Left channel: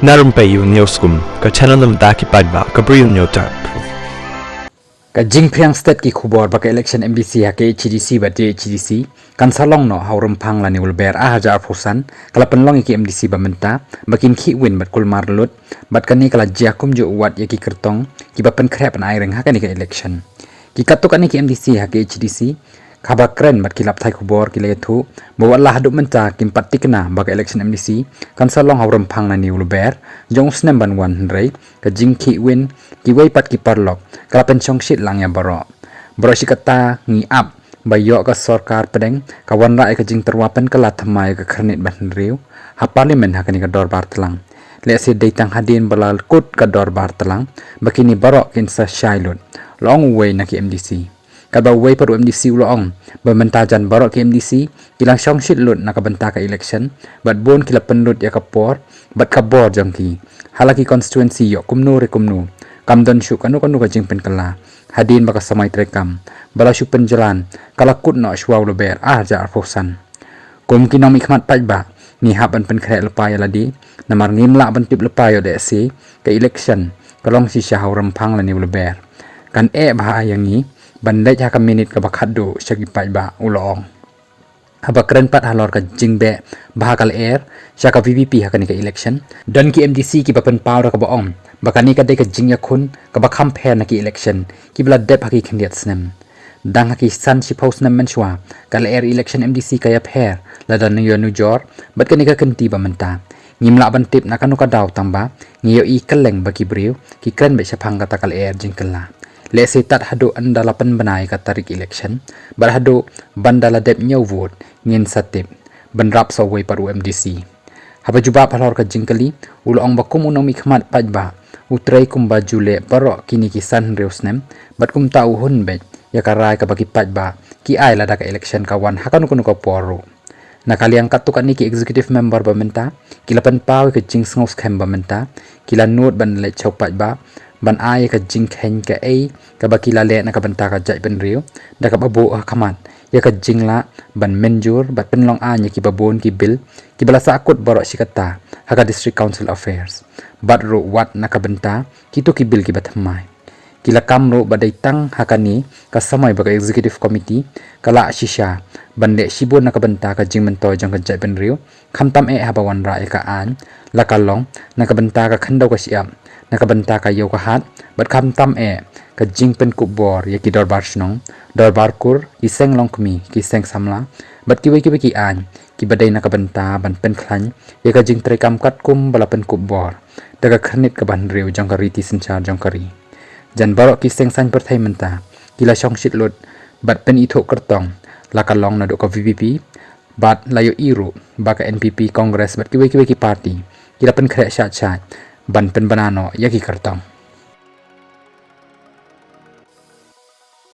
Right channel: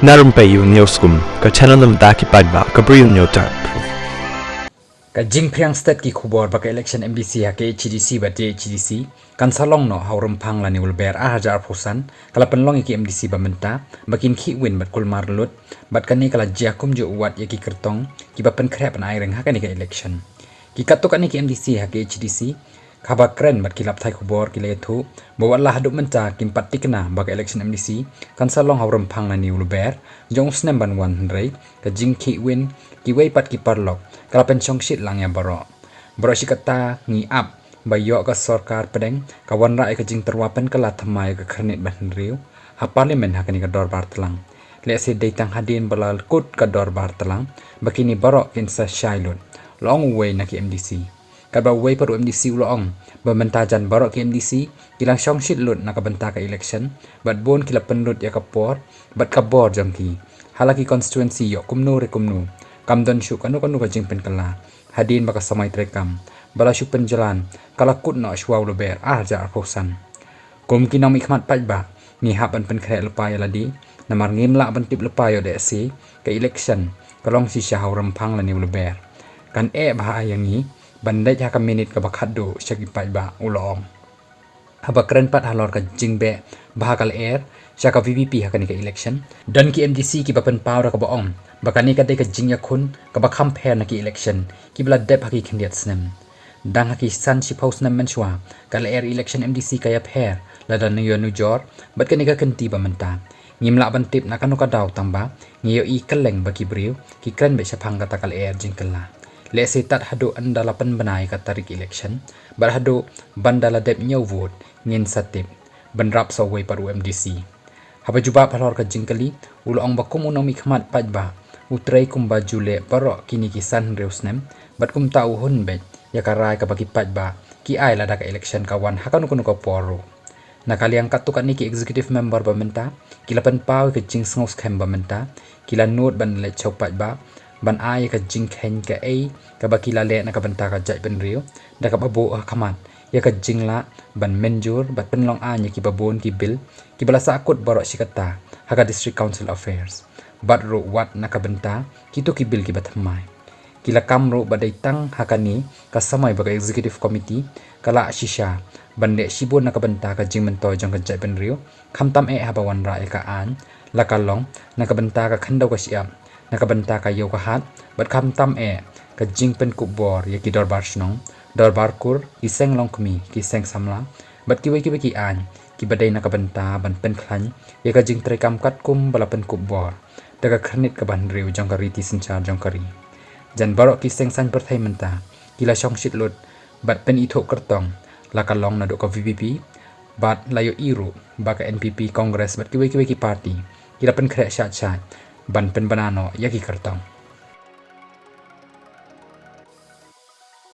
Na Rympei U ka channel nabynta ki paidbah ka Bri U Hynñiewtrep. Ka jing priang state ki khubor baka election MDC ha ke HDC ba HDC kan salong no haurum phang la ni ulber a hajar phusan kala penlong ki MDC ba menta bakin khi win bat kul mar lut bat kan ni kala jakum jo wat ya ki kyrtong ki ba pen khrep an aireng ha ka ni ka election ki katuk ani ki MDC ha ke HDC khaba kren bat kilap thai khubor ki le thu bo Allah hadu menta kim patikna baka election MDC kan salong haurum phang la ni ulber jong snem ban wan rei ka jing khi win ki wei pat ki parlok kala penchong shit lang ya baroh si kata ngi ap bayo ka sarkar pedeng kawan rai ka jing terwapen kala thamai ka kharnit ban riu ha parliament ha kani ka dor bar telang le se deitang hadin balal kut ka dor bar telang bakini baroh kin sa shailun long way na ki MDC ka ba way paru MDC ulong ba mentajan baroh ki MDC kilang shong shit lut na ka banta ka election bat bon kila penlut ya ka por bat ka bor jong ki halaki constituency yo kumnu re kumnu kamdon shu kanu ka jing pen kala hadin baka samai trekam bala shu penjalan kala kut no shwa ulober ja arfosan kum kinom ikmat paidbah ni haban pen khre lepa ya ladi namar ngim la ban tip lepa yo de si ka election kalong si shahau rempang la ni ulober kan bah yang ni bandai ha ka minute ka bakhado shagi paidbah ulong haba keren pat halor ka jingbe bahakal air shaka VVP ha ka ni ka election dan ki MDC ki papen power ka baong bakani ka de ka jing iakhun ka bakham pher na ki election ki bla dep ha ki khandiat snem dang ha ki san si post nam menshwa kal air election MDC ka ya pher la dan yo nu jor bat ka ni ka kanti ba menta ngimla ban tip na kanu ka daw tamba ngiyo I kaleng baki briu ki kren be shapang ka takal air jingkala le se tat hado andala pen banai ka tarik election bar hado bandala dep nyau vote ngin satip banrap so way paru MDC haba juba palor ka jingkali ulong bakum unomi khmat paidbah utrai kum baju le baroh kini kisan reusnem bat kum tau hun be ya karai ka bagi paidbah ki ai lada ka election kawan hakan kuno ka poro nakali ang katuk ani ki executive member ba menta kilapan pau ka jing ngos khem ba menta kila note ban le chau paidbah ban ai ka jing khen ka ai ka bakila le na ka banta ka jai ben riu da ka babo khamat ya ka jingla ban menjur bat penlong anya ki babon ki bill ki balasa akut baroh sikata haka district council affairs bat ro wat na ka banta ki to ki bill ki bathamai kila kamro badai tang hakani ka samai baga executive committee kala shisha bande shibun na ka banta ka jing mentoy jong ka jai ben riu khamtam habawan ra ka an la kalong na ka banta ka khandau ka siam na ka banta ka yo ka hat bat khamtam ka jing pen kubor ya ki dorbar snong dorbar kur iseng long kmi ki seng samla bat ki ki an ki badai na ka banta ban pen khlan ya ka jing trekam kat kum bala pen kubor daga khanit ka ban riu jong ka riti sinchar jong kari jan baroh ki seng san perthai menta kila shong shit lot bat pen itho kyrtong la ka long na do ka VVP bat layo iru baka NPP congress bat ki ki party kila pen khre shat ban pen banano ya ki kyrtong